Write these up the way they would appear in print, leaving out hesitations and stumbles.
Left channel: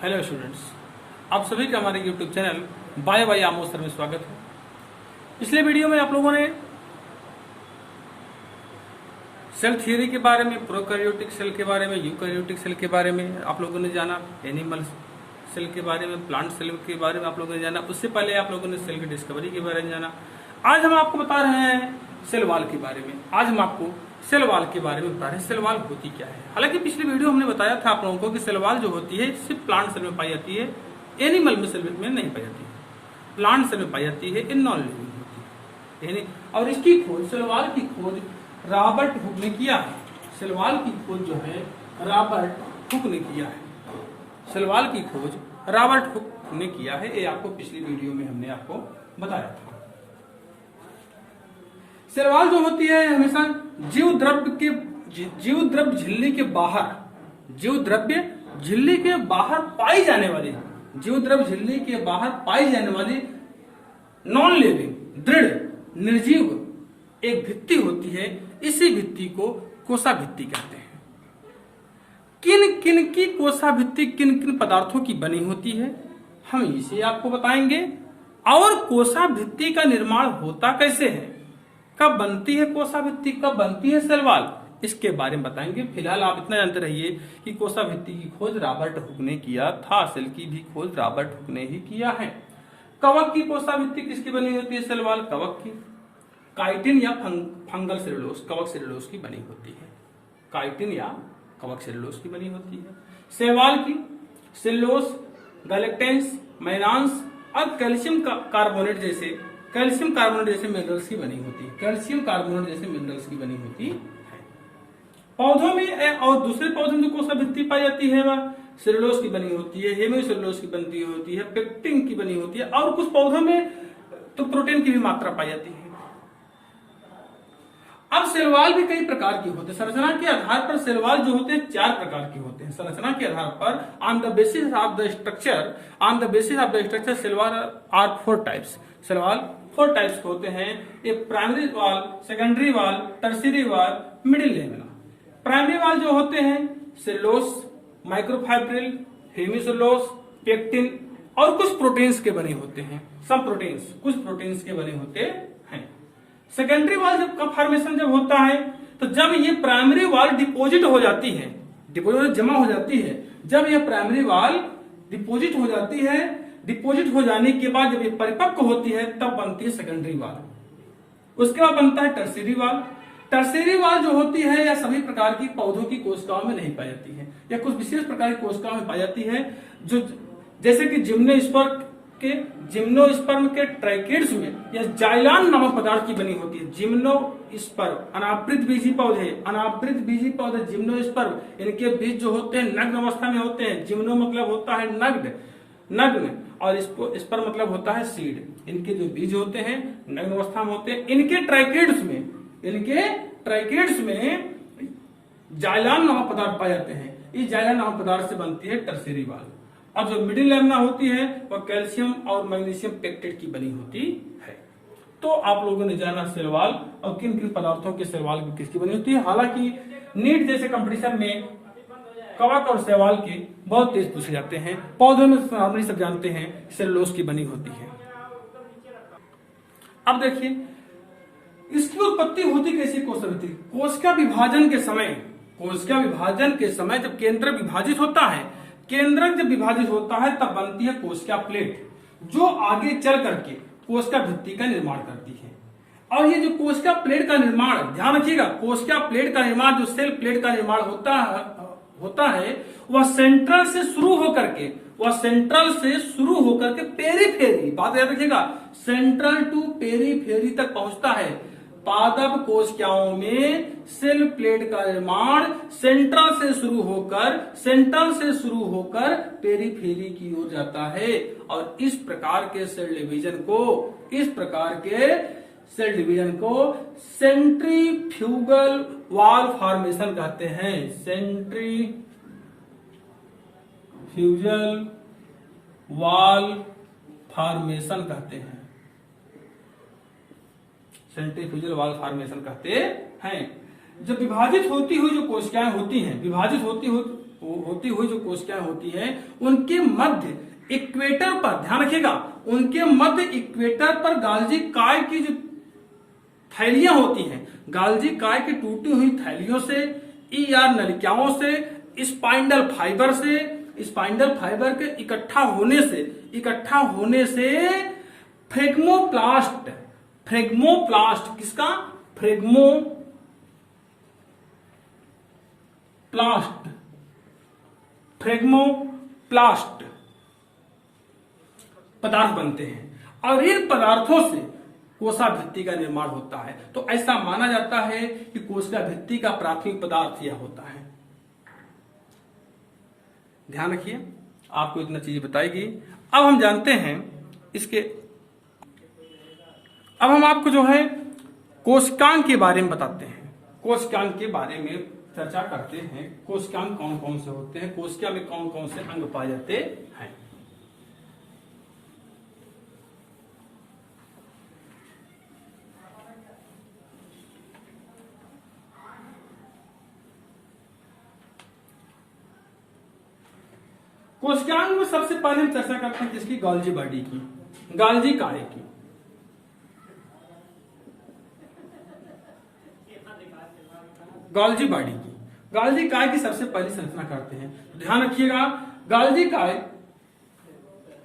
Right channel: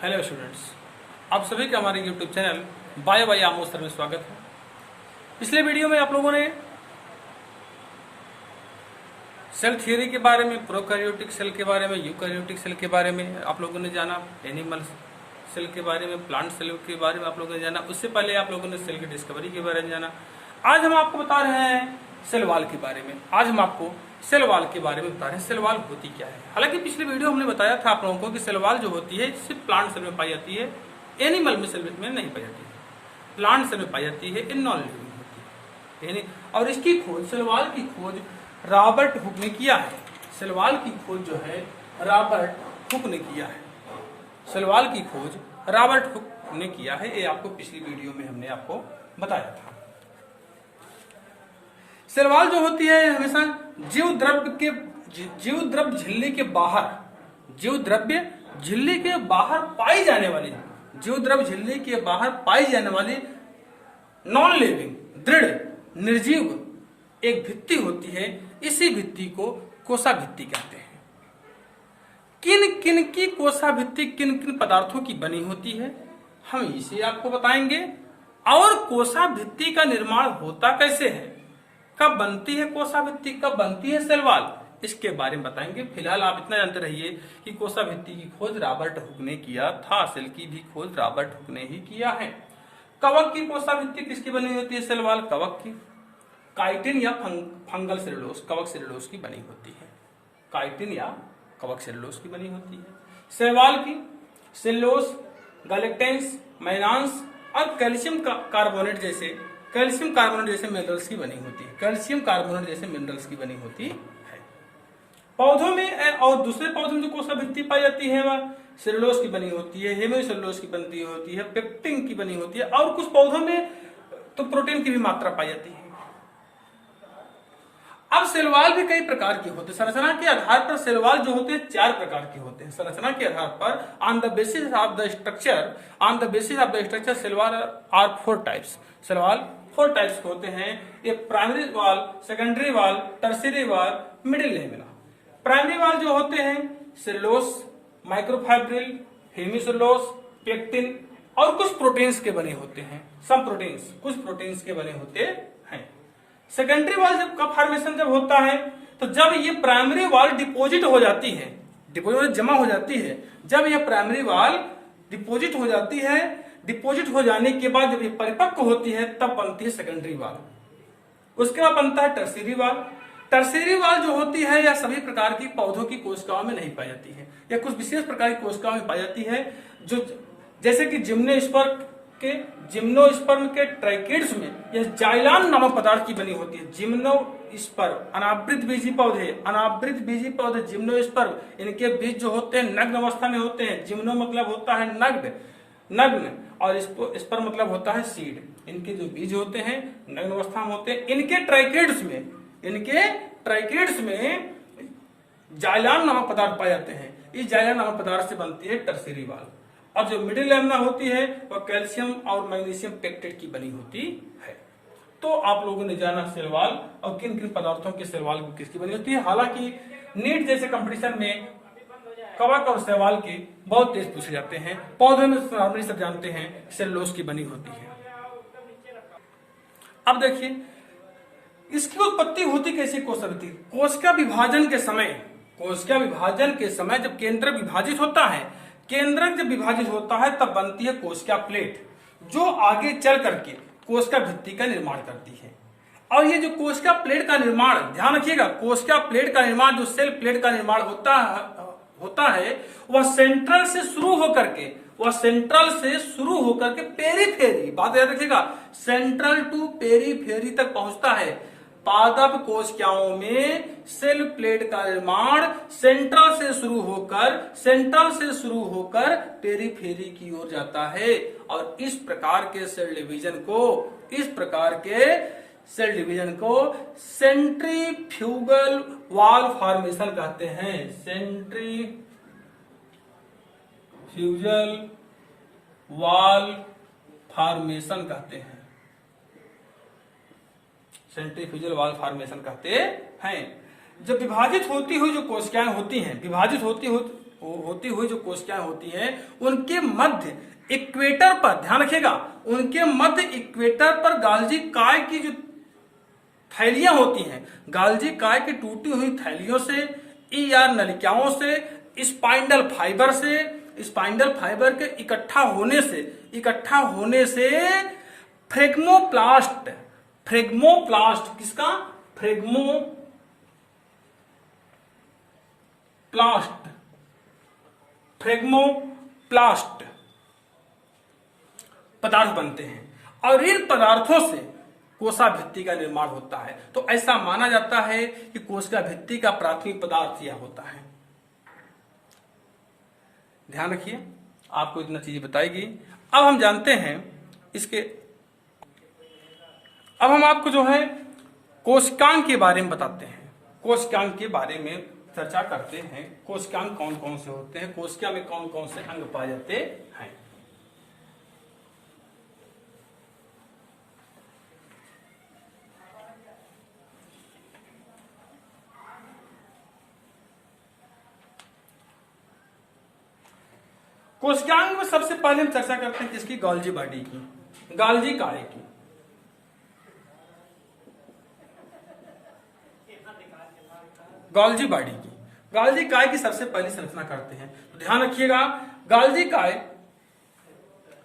Hello students, आप सभी का हमारे YouTube channel bio by Amod sir में स्वागत है। पिछले वीडियो में आप लोगों ने सेल थियरी के बारे में, प्रोकैरियोटिक सेल के बारे में, यूकैरियोटिक सेल के बारे में आप लोगों ने जाना, एनिमल सेल के बारे में, प्लांट सेल के बारे में आप लोगों ने जाना। उससे पहले आप लोगों ने सेल की डिस्कवरी के बारे में जाना। आज हम आपको बता रहे हैं सेल वॉल के बारे में। आज हम आपको सेल वॉल के बारे में बता रहे हैं, सेल वॉल होती क्या है। हालांकि पिछले वीडियो हमने बताया था आप लोगों को कि सेल वॉल जो होती है सिर्फ प्लांट सेल में पाई जाती है, एनिमल में सेल में नहीं पाई जाती है। प्लांट सेल में पाई जाती है, इन नॉन लिविंग होती है। और इसकी खोज, सेल वॉल की खोज रॉबर्ट हुक ने किया है। सेल वॉल की खोज जो है रॉबर्ट हुक ने किया है। सेल वॉल की खोज रॉबर्ट हुक ने किया है, ये आपको पिछली वीडियो में हमने आपको बताया था। सेल वॉल जो होती है हमेशा जीव द्रव्य झिल्ली के बाहर, जीव द्रव्य झिल्ली के बाहर पाई जाने वाली, जीव द्रव्य झिल्ली के बाहर पाई जाने वाली नॉन लिविंग, दृढ़, निर्जीव एक भित्ति होती है। इसी भित्ति को कोसा भित्ति कहते हैं। किन किन की कोसा भित्ति किन किन पदार्थों की बनी होती है हम इसे आपको बताएंगे। और कोसा भित्ति का निर्माण होता कैसे है, कब बनती है कोसा भित्ति, कब बनती है सेल वॉल, इसके बारे में बताएंगे। फिलहाल आप इतना जानते रहिए कि कोसा भित्ति की खोज रॉबर्ट हुक ने किया था, सेल की भी खोज रॉबर्ट हुक ने ही किया है। कवक की कोसा भित्ति किसकी बनी होती है सेल वॉल, कवक की। काइटिन या फंगल सेलुलोज, कवक सेलुलोज की बनी होती है। काइटिन या कवक सेलुलोज की बनी होती है। सेल वॉल की सेलुलोज, गैलेक्टेंस, मैनांस और कैल्शियम कार्बोनेट जैसे मिनरल्स की बनी होती है। कैल्शियम कार्बोनेट जैसे मिनरल्स की बनी होती है। पौधों में और दूसरे पौधों में जो कोसा भित्ति पाई जाती है वह सेलुलोज की बनी होती है, हेमिसेलुलोज की बनती होती है, पेक्टिन की बनी होती है और कुछ पौधों में तो प्रोटीन की भी मात्रा पाई जाती है। अब सेल वॉल भी कई प्रकार के होते हैं। संरचना के आधार पर सेल वॉल जो होते हैं 4 प्रकार के होते हैं। संरचना के आधार पर on the basis of the structure cell wall are 4 types. Cell wall 4 types होते हैं। ये primary wall, secondary wall, tertiary wall, middle lamina. Primary wall जो होते हैं सेलुलोज, माइक्रोफाइब्रिल, हेमिसेलुलोज, पेक्टिन और कुछ प्रोटीन्स के बने होते हैं। सम प्रोटीन्स, कुछ प्रोटीन्स के बने होते हैं। सेकेंडरी वॉल जब का फॉर्मेशन जब होता है तो जब ये प्राइमरी वॉल डिपोजिट हो जाती है, डिपोजिट जमा हो जाती है, जब ये प्राइमरी वॉल डिपोजिट हो जाती है, डिपोजिट हो जाने के बाद जब ये परिपक्व होती है तब बनती है सेकेंडरी वॉल। उसके बाद बनता है टर्शियरी वॉल। टर्शियरी वॉल जो होती है यह सभी प्रकार की पौधों की कोशिकाओं में नहीं पाई जाती है, यह कुछ विशेष प्रकार की कोशिकाओं में पाई जाती है, जो जैसे कि जिम्नोस्पर्म के ट्राइकिड्स में यह जाइलान नामक पदार्थ की बनी होती है। जिम्नोस्पर्म अनावृत बीजी पौधे जिम्नोस्पर्म, इनके बीज जो होते हैं नग्न अवस्था में होते हैं। जिम्नो मतलब होता है नग्न और स्पर्म मतलब होता है सीड। इनके जो बीज होते हैं नग्न अवस्था में होते हैं। इनके ट्राइकिड्स में जाइलान नामक पदार्थ पाए जाते हैं। इस जाइलान नामक पदार्थ से बनती है टर्शियरी वॉल। और जो मिडिल लेमिना होती है वह कैल्शियम और मैग्नीशियम पेक्टेट की बनी होती है। तो आप लोगों ने जाना सेल वॉल और किन किन पदार्थों के सेल वॉल किसकी बनी होती है। हालांकि नीट जैसे कंपटीशन में कवक और सेल वॉल के बहुत तेज पूछे जाते हैं। पौधों में नॉर्मली सब जानते हैं सेलुलोज की बनी होती है। अब देखिए इसकी उत्पत्ति होती कैसे कोशिका भित्ति। कोशिका विभाजन के समय जब केंद्रक विभाजित होता है, केंद्रक जब विभाजित होता है तब बनती है कोशिका प्लेट, जो आगे चल करके कोशिका भित्ति का निर्माण करती है। और ये जो कोशिका प्लेट का निर्माण, ध्यान रखिएगा, कोशिका प्लेट का निर्माण, जो सेल प्लेट का निर्माण होता है वह सेंट्रल से शुरू होकर के पेरीफेरी, बात याद रखिएगा, सेंट्रल टू पेरीफेरी तक पहुंचता है। पादप कोशिकाओं में सेल प्लेट का निर्माण सेंट्रल से शुरू होकर पेरीफेरी की ओर जाता है। और इस प्रकार के सेल डिवीजन को सेंट्रीफ्यूगल वॉल फॉर्मेशन कहते हैं। सेंट्रीफ्यूगल वॉल फॉर्मेशन कहते हैं। सेंट्रीफ्यूगल वॉल फॉर्मेशन कहते हैं। जब विभाजित होती हुई जो कोशिकाएं होती हैं, विभाजित होती हुई होती हुई जो कोशिकाएं होती हैं उनके मध्य इक्वेटर पर, ध्यान रखिएगा, उनके मध्य इक्वेटर पर गाल्जी काय की जो थैलियां होती हैं, गाल्जी काय की टूटी हुई थैलियों से, ईआर नलिकाओं से, स्पाइंडल फाइबर से, स्पाइंडल फाइबर के इकट्ठा होने से फ्रेगमोप्लास्ट, किसका, फ्रेगमोप्लास्ट पदार्थ बनते हैं और इन पदार्थों से कोशिका भित्ति का निर्माण होता है। तो ऐसा माना जाता है कि कोशिका भित्ति का प्राथमिक पदार्थ यह होता है। ध्यान रखिए, आपको इतना चीज बताई गई। अब हम जानते हैं अब हम आपको जो है कोशिकांग के बारे में बताते हैं। कोशिकांग के बारे में चर्चा करते हैं। कोशिकांग कौन कौन से होते हैं, कोशिका में कौन कौन से अंग पाए जाते हैं। कोशिकांग में सबसे पहले हम चर्चा करते हैं किसकी, गोल्जी बॉडी की, गाल्जी काय की। गोल्जी बॉडी की, गाल्जी काय की सबसे पहली संरचना करते हैं। तो ध्यान रखिएगा, गाल्जी काय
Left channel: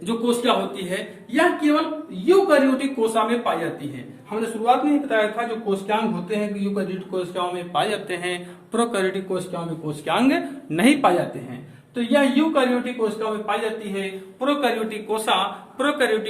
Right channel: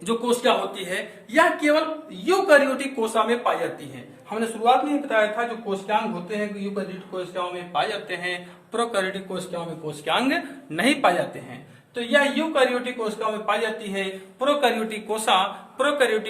जो कोशिका होती है यह केवल यूकैरियोटिक कोशिका में पाई जाती है। हमने शुरुआत में ही बताया था जो कोशिकांग होते हैं यूकैरियोटिक कोशिकाओं में पाए जाते हैं, प्रोकैरियोटिक कोशिकाओं में कोशिकांग नहीं पाए जाते हैं। तो यह यूकैरियोटिक कोशिकाओं में पाई जाती है। प्रोकैरियोटिक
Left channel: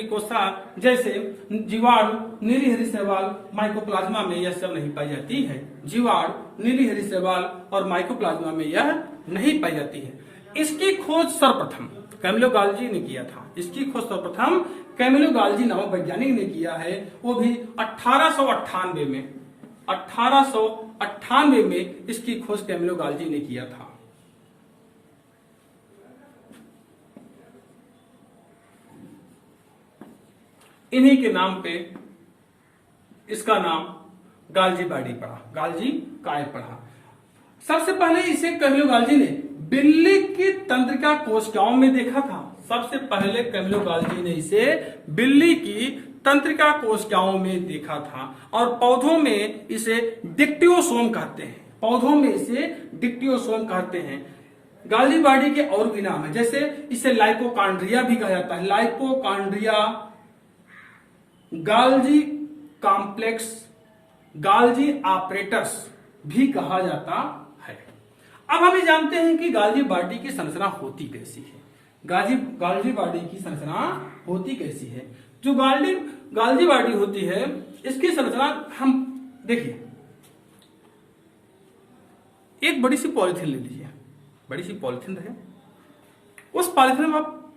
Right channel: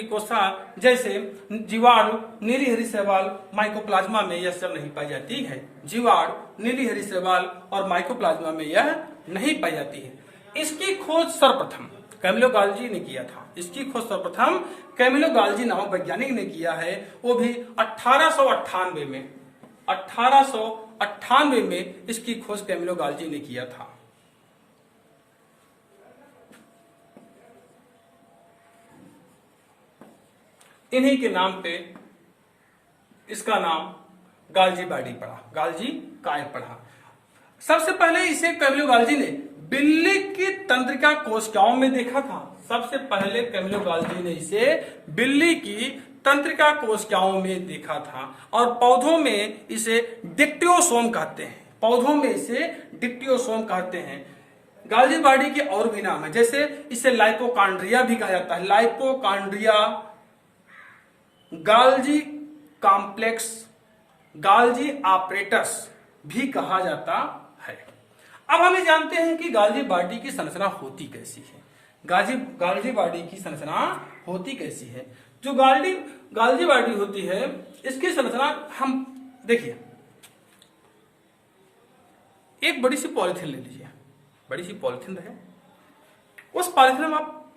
कोशिका जैसे जीवाणु, नीली हरी शैवाल, माइकोप्लाज्मा में यह सब नहीं पाई जाती है। जीवाणु, नीली हरी शैवाल और माइकोप्लाज्मा में यह नहीं पाई जाती है। इसकी खोज सर्वप्रथम कैमिलो गाल्जी ने किया था। इसकी खोज सर्वप्रथम कैमिलो गाल्जी नामक वैज्ञानिक ने किया है, वो भी 1898 में। 1898 में इसकी खोज कैमिलो गाल्जी ने किया था। इन्हीं के नाम पे इसका नाम गाल्जी बॉडी पड़ा, गाल्जी काय पड़ा। सबसे पहले इसे कैमिलो गाल्जी ने बिल्ली की तंत्रिका कोशिकाओं में देखा था। सबसे पहले कैमिलो गाल्जी ने इसे बिल्ली की तंत्रिका कोशिकाओं में देखा था। और पौधों में इसे डिक्टियोसोम कहते हैं। गाल्जी बॉडी के और भी नाम है, जैसे इसे लाइपोकांड्रिया भी कहा जाता है। लाइपोकांड्रिया, गाल्जी कॉम्प्लेक्स, गाल्जी ऑपरेटस भी कहा जाता है। अब हम ये जानते हैं कि गाल्जी बॉडी की संरचना होती कैसी है। गाल्जी बॉडी की संरचना होती कैसी है। जो गाल्जी बॉडी होती है इसकी संरचना हम देखिए, एक बड़ी सी पॉलिथीन ले लीजिए, बड़ी सी पॉलिथीन रहे, उस पॉलिथीन में आप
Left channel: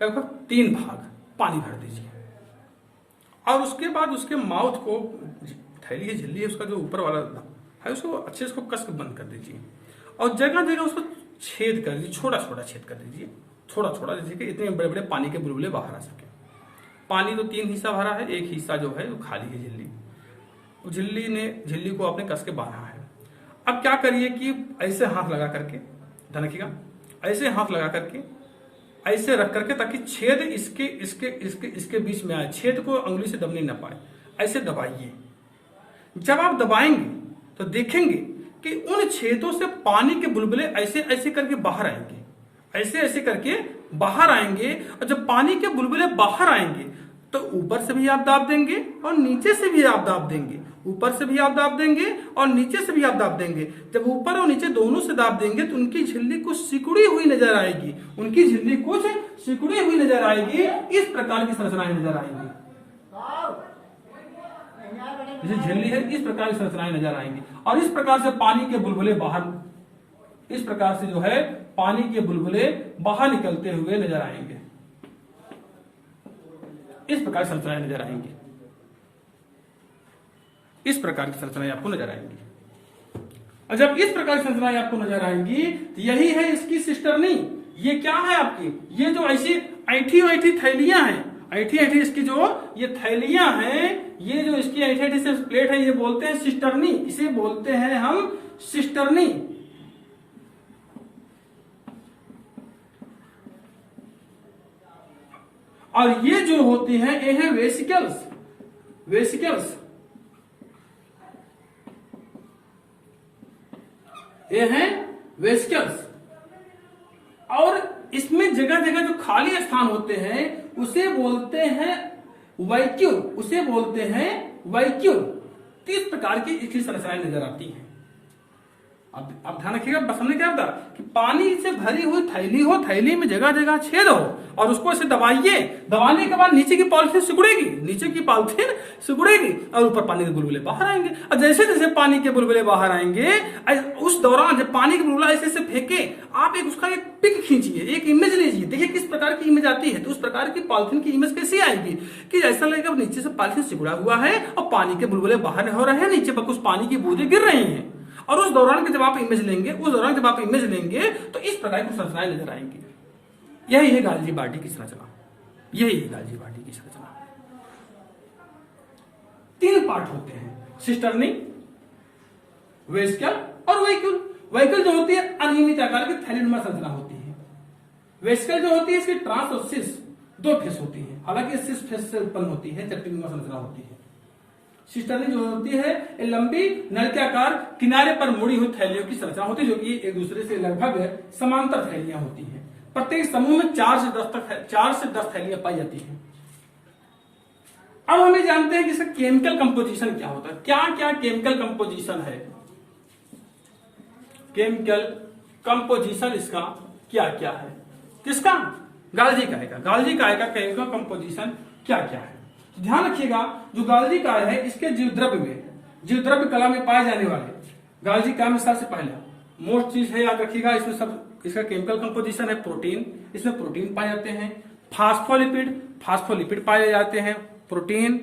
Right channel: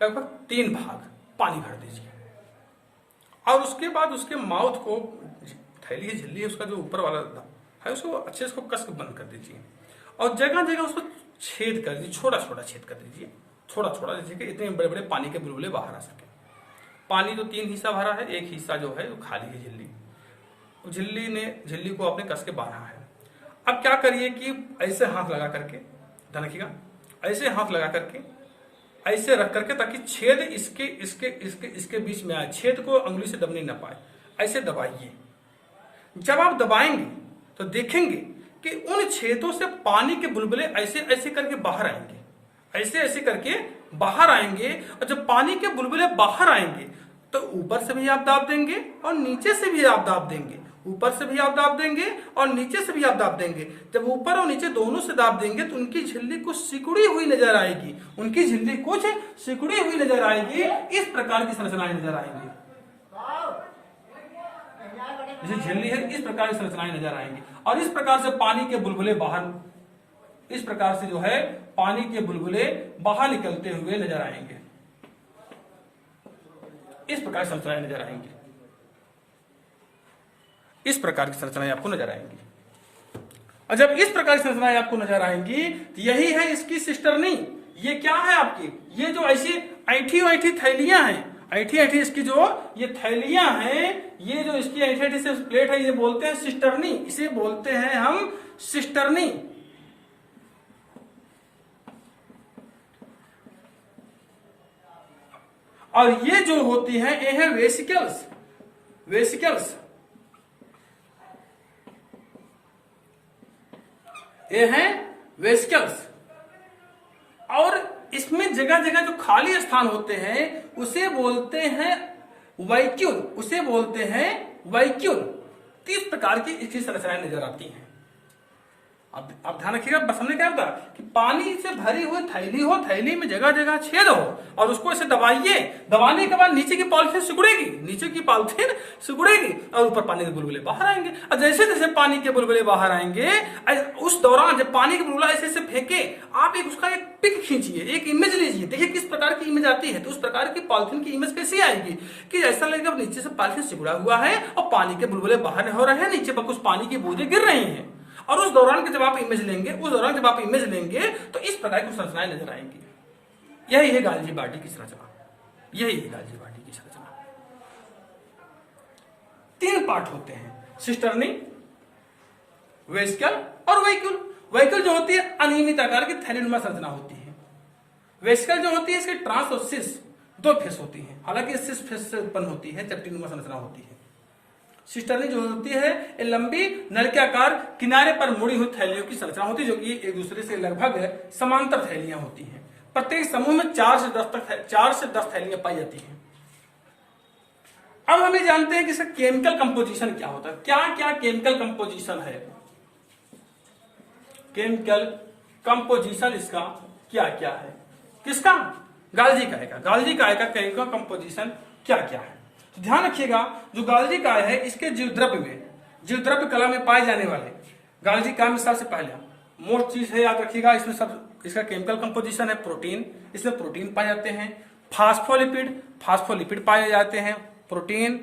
लगभग 3 भाग पानी भर दीजिए और उसके बाद उसके माउथ को, थैली है, झिल्ली है, उसका जो ऊपर वाला है उसको अच्छे से कस के बंद कर दीजिए और जगह जगह उसको छेद कर दीजिए, छोटा छोटा छेद कर दीजिए, छोटा छोटा, जैसे कि इतने बड़े बड़े पानी के बुलबुले बाहर आ सके। पानी तो 3 हिस्सा भरा है, एक हिस्सा जो है वो खाली है झिल्ली को आपने कस के बांधा है। अब क्या करिए कि ऐसे हाथ लगा करके, ध्यान रखिएगा, ऐसे हाथ लगा करके ऐसे रख करके ताकि छेद इसके बीच में आए, छेद को अंगुली से दबने न पाए, ऐसे दबाइए। जब आप दबाएंगे तो देखेंगे कि उन छेदों से पानी के बुलबुले ऐसे ऐसे करके बाहर आएंगे, ऐसे ऐसे करके बाहर आएंगे। और जब पानी के बुलबुले बाहर आएंगे तो ऊपर से भी आप दाब देंगे और नीचे से भी आप दाब देंगे, ऊपर से भी आप दाब देंगे और नीचे से भी आप दाब देंगे। जब ऊपर और नीचे दोनों से दाब देंगे तो उनकी झिल्ली कुछ सिकुड़ी हुई नजर आएगी, इस प्रकार की संरचनाएं नजर आएंगी। जैसे झिल्ली है, इस प्रकार की संरचनाएं नजर आएंगी और इस प्रकार से पानी के बुलबुले बाहर, इस प्रकार से जो है पानी के बुलबुले बाहर निकलते हुए नजर आएंगे। इस प्रकार की संरचनाएं नजर आएंगी, इस प्रकार की संरचनाएं आपको नजर आएंगी। और जब इस प्रकार की संरचनाएं आपको नजर आएंगी तो यही है इसकी सिस्टर्नी। ये क्या है आपकी, ये जो ऐसी ऐठी थैलियां हैं, ऐठी इसकी जो ये थैलियां हैं, ये जो इसकी ऐठी से प्लेट है, ये बोलते हैं सिस्टर्नी। इसे बोलते हैं हम सिस्टर्नी। और ये जो होती हैं ये है वेसिकल्स। वेसिकल्स ये हैं वेसिकल्स। और इसमें जगह जगह जो खाली स्थान होते हैं उसे बोलते हैं वैक्यूल, उसे बोलते हैं वैक्यूल। किस प्रकार की इसकी संरचनाएं नजर आती हैं। अब ध्यान रखिएगा, बस हमने क्या था कि पानी से भरी हुई थैली हो, थैली में जगह जगह छेद हो और उसको ऐसे दबाइए, दबाने के बाद नीचे की पॉलिथीन सिकुड़ेगी, नीचे की पॉलिथीन सिकुड़ेगी और ऊपर पानी के बुलबुले बाहर आएंगे। और जैसे जैसे पानी के बुलबुले बाहर आएंगे उस दौरान जब पानी के बुलबुला ऐसे ऐसे फेंके, आप उसका एक पिक खींचिए, एक इमेज लीजिए, देखिए किस प्रकार की इमेज आती है। तो उस प्रकार की पॉलिथीन की इमेज कैसी आएगी कि ऐसा लगेगा नीचे से पॉलिथीन सिकुड़ा हुआ है और पानी के बुलबुले बाहर हो रहे हैं, नीचे पर कुछ पानी की बूंदें गिर रही हैं। और उस दौरान के जब आप इमेज लेंगे तो इस प्रकार की संरचनाएं नजर आएंगी। यही है गाल्जी बार्डी की संरचना, यही है गाल्जी बार्डी की संरचना। 3 पार्ट होते हैं, सिस्टर्नी, वेसिकल और वैक्यूल। वैक्यूल जो होती है अनियमित आकार की थैलीनुमा संरचना होती है। वेसिकल जो होती है इसकी ट्रांस और सिस 2 फेस होती है, हालांकि सिस फेस से उत्पन्न होती है, चपटीनुमा संरचना होती है। सिस्टर्नी जो होती है ये लंबी नलकाकार किनारे पर मुड़ी हुई थैलियों की संरचना होती है, जो कि एक दूसरे से लगभग समांतर थैलियां होती हैं। प्रत्येक समूह में 4 से 10 थैलियां पाई जाती हैं। अब हमें जानते हैं कि इसका केमिकल कंपोजिशन क्या होता है। क्या क्या केमिकल कंपोजिशन है, केमिकल कंपोजिशन इसका क्या क्या है, किसका, गाल्जी काय का। गाल्जी काय का केमिकल कंपोजिशन क्या क्या है। तो ध्यान रखिएगा, जो गाल्जी काय है इसके जीवद्रव्य कला में पाए जाने वाले गाल्जी काय में सबसे पहले मोस्ट चीज है, याद रखिएगा, इसमें सब इसका केमिकल कंपोजिशन है प्रोटीन। इसमें प्रोटीन पाए जाते हैं, फास्फोलिपिड पाए जाते हैं, प्रोटीन,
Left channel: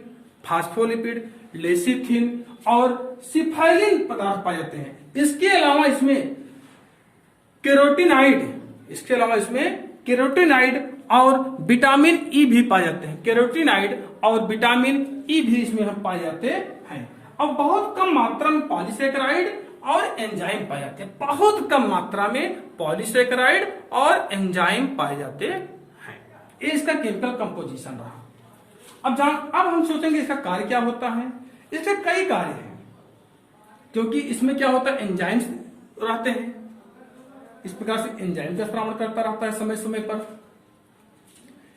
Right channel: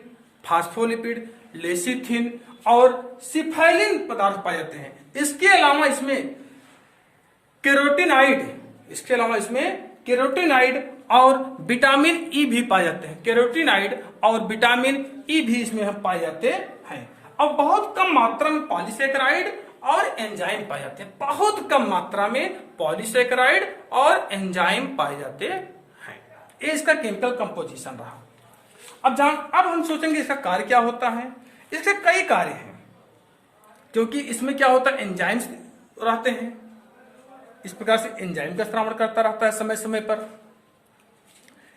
फास्फोलिपिड, लेसिथिन और सिफाइलिन पदार्थ पाए जाते हैं। इसके अलावा इसमें केरोटिनाइड और विटामिन ई भी पाए जाते हैं। केरोटिनाइड और विटामिन ई भी इसमें हम पाए जाते हैं। अब बहुत कम मात्रा में पॉलीसेकेराइड और एंजाइम पाए जाते हैं, बहुत कम मात्रा में पॉलीसेकेराइड और एंजाइम पाए जाते हैं। ये इसका केमिकल कंपोजिशन रहा। अब हम सोचेंगे इसका कार्य क्या होता है। इसके कई कार्य हैं, क्योंकि इसमें क्या होता है एंजाइम्स रहते हैं। इस प्रकार से एंजाइम का श्रावण करता रहता है समय समय पर।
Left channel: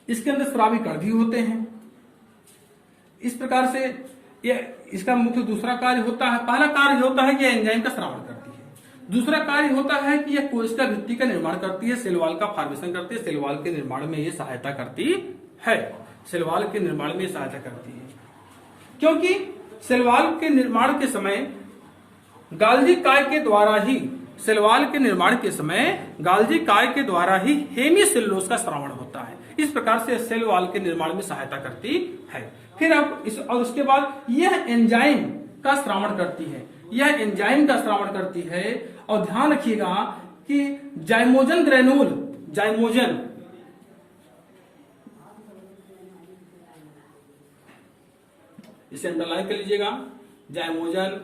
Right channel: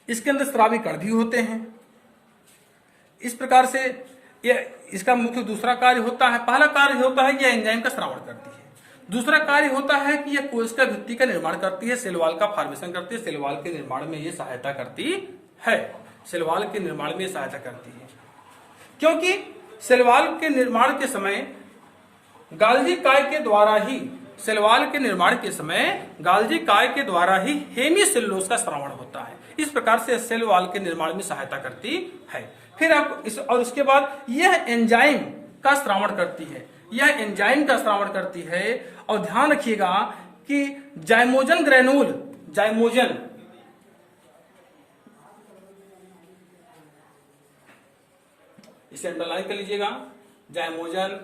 इसके अंदर स्रावी कण भी होते हैं। इस प्रकार से इसका मुख्य दूसरा कार्य होता है, पहला कार्य होता है कि यह एंजाइम का श्रावण करती है। दूसरा कार्य होता है कि यह कोशिका भित्ति का निर्माण करती है, सेल वॉल का फॉर्मेशन करती है, सेल वॉल के निर्माण में यह सहायता करती है, सेल वॉल के निर्माण में सहायता करती है। क्योंकि सेल वॉल के निर्माण के समय गाल्जी काय के द्वारा ही सेल वॉल के निर्माण के समय गाल्जी काय के द्वारा ही हेमीसेलुलोज का श्रावण होता है। इस प्रकार से सेल वॉल के निर्माण में सहायता करती है। फिर अब और उसके बाद यह एंजाइम का श्रावण करती है, यह एंजाइम का श्रावण करती है। और ध्यान रखिएगा कि जाइमोजन ग्रेनुल, जाइमोजन इसे अंडरलाइन कर लीजिएगा, जाइमोजन।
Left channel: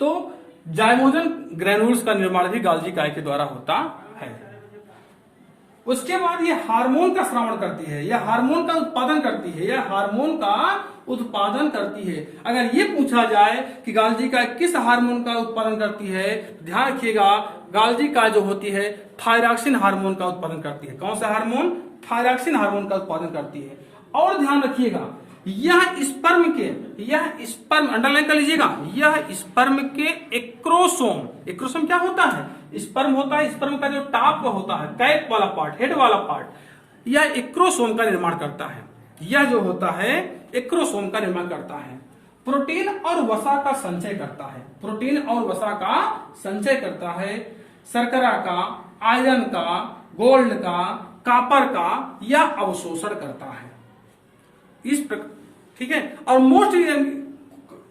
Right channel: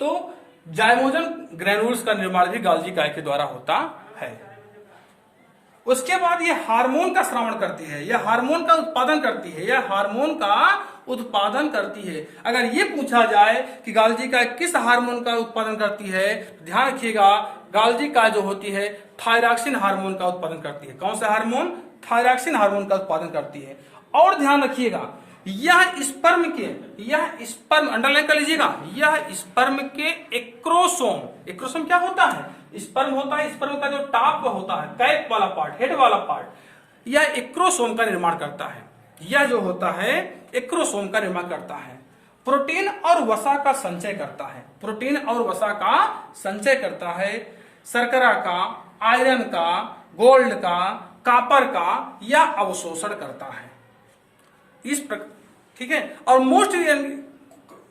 तो जाइमोजन ग्रेनुल्स का निर्माण भी गाल्जी काय के द्वारा होता है। उसके बाद यह हार्मोन का श्रावण करती है, यह हार्मोन का उत्पादन करती है, यह हार्मोन का उत्पादन करती है। अगर ये पूछा जाए कि गाल्जी काय किस हार्मोन का उत्पादन करती है, ध्यान रखिएगा गाल्जी काय जो होती है थायरॉक्सिन हार्मोन का उत्पादन करती है। कौन सा हार्मोन? थायरॉक्सिन हार्मोन का उत्पादन करती है। और ध्यान रखिएगा यह स्पर्म अंडरलाइन कर लीजिएगा, यह स्पर्म के एक्रोसोम क्या होता है? स्पर्म होता है। स्पर्म का जो टॉप होता है, कैप वाला पार्ट, हेड वाला पार्ट, यह एक्रोसोम का निर्माण करता है। यह जो होता है एक्रोसोम का निर्माण करता है। प्रोटीन और वसा का संचय करता है, प्रोटीन और वसा का संचय करता है। शर्करा का, आयरन का, गोल्ड का, कॉपर का यह अवशोषण करता है। इस प्रकार, ठीक है। और मोस्ट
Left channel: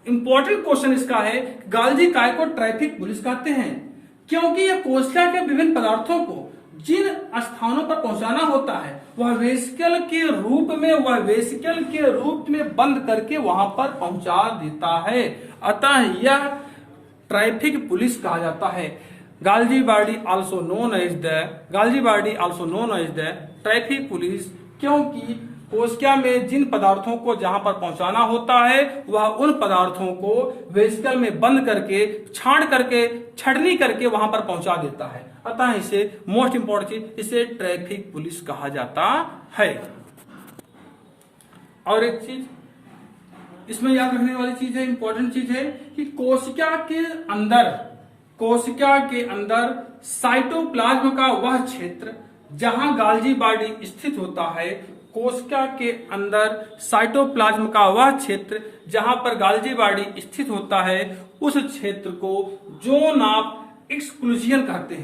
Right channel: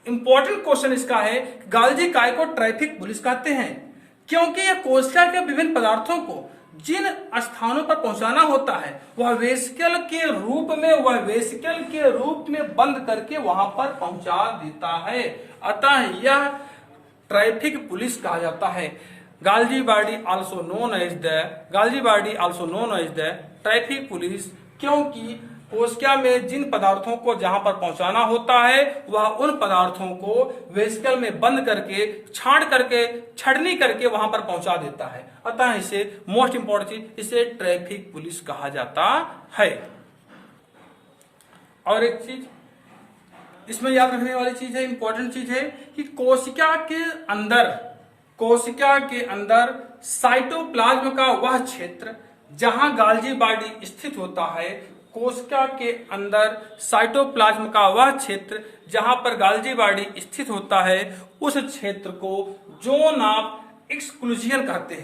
इंपॉर्टेंट क्वेश्चन इसका है, गाल्जी काय को ट्रैफिक पुलिस कहते हैं, क्योंकि यह कोशिका के विभिन्न पदार्थों को जिन स्थानों पर पहुंचाना होता है वह वेसिकल के रूप में बंद करके वहां पर पहुंचा देता है। अतः यह ट्रैफिक पुलिस कहा जाता है। Golgi body also known as the traffic police, क्योंकि कोशिका में जिन पदार्थों को जहां पर पहुंचाना होता है वह उन पदार्थों को वेसिकल में बंद करके छटनी करके वहां पर पहुंचा देता है। अतः इसे मोस्ट इंपॉर्टेंट चीज, इसे ट्रैफिक पुलिस कहा जाता है। और एक चीज इसमें याद रखने वाली चीज है, इंपॉर्टेंट चीज है कि कोशिका के अंदर साइटोप्लाज्म का वह क्षेत्र जहां गाल्जी बॉडी स्थित होता है, कोशिका के अंदर साइटोप्लाज्म का वह क्षेत्र जहां पर गाल्जी बॉडी स्थित होता है, उस क्षेत्र को जोन ऑफ एक्सक्लूजन कहते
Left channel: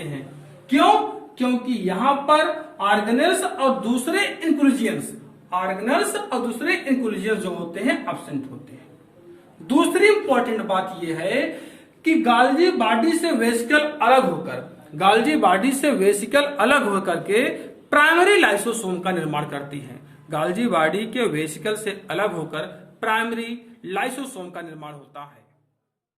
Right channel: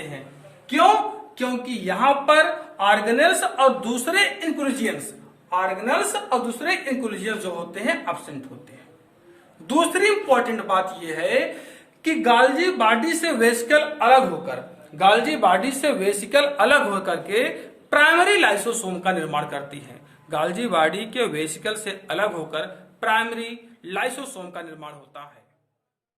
हैं। क्यों? क्योंकि यहां पर ऑर्गेनेल्स और दूसरे इंक्लूजन्स जो होते हैं एब्सेंट होते हैं। दूसरी इंपॉर्टेंट बात यह है कि गाल्जी बॉडी से वेसिकल अलग होकर के प्राइमरी लाइसोसोम का निर्माण करती है। गाल्जी बॉडी के वेसिकल से अलग होकर प्राइमरी लाइसोसोम का निर्माण होता है।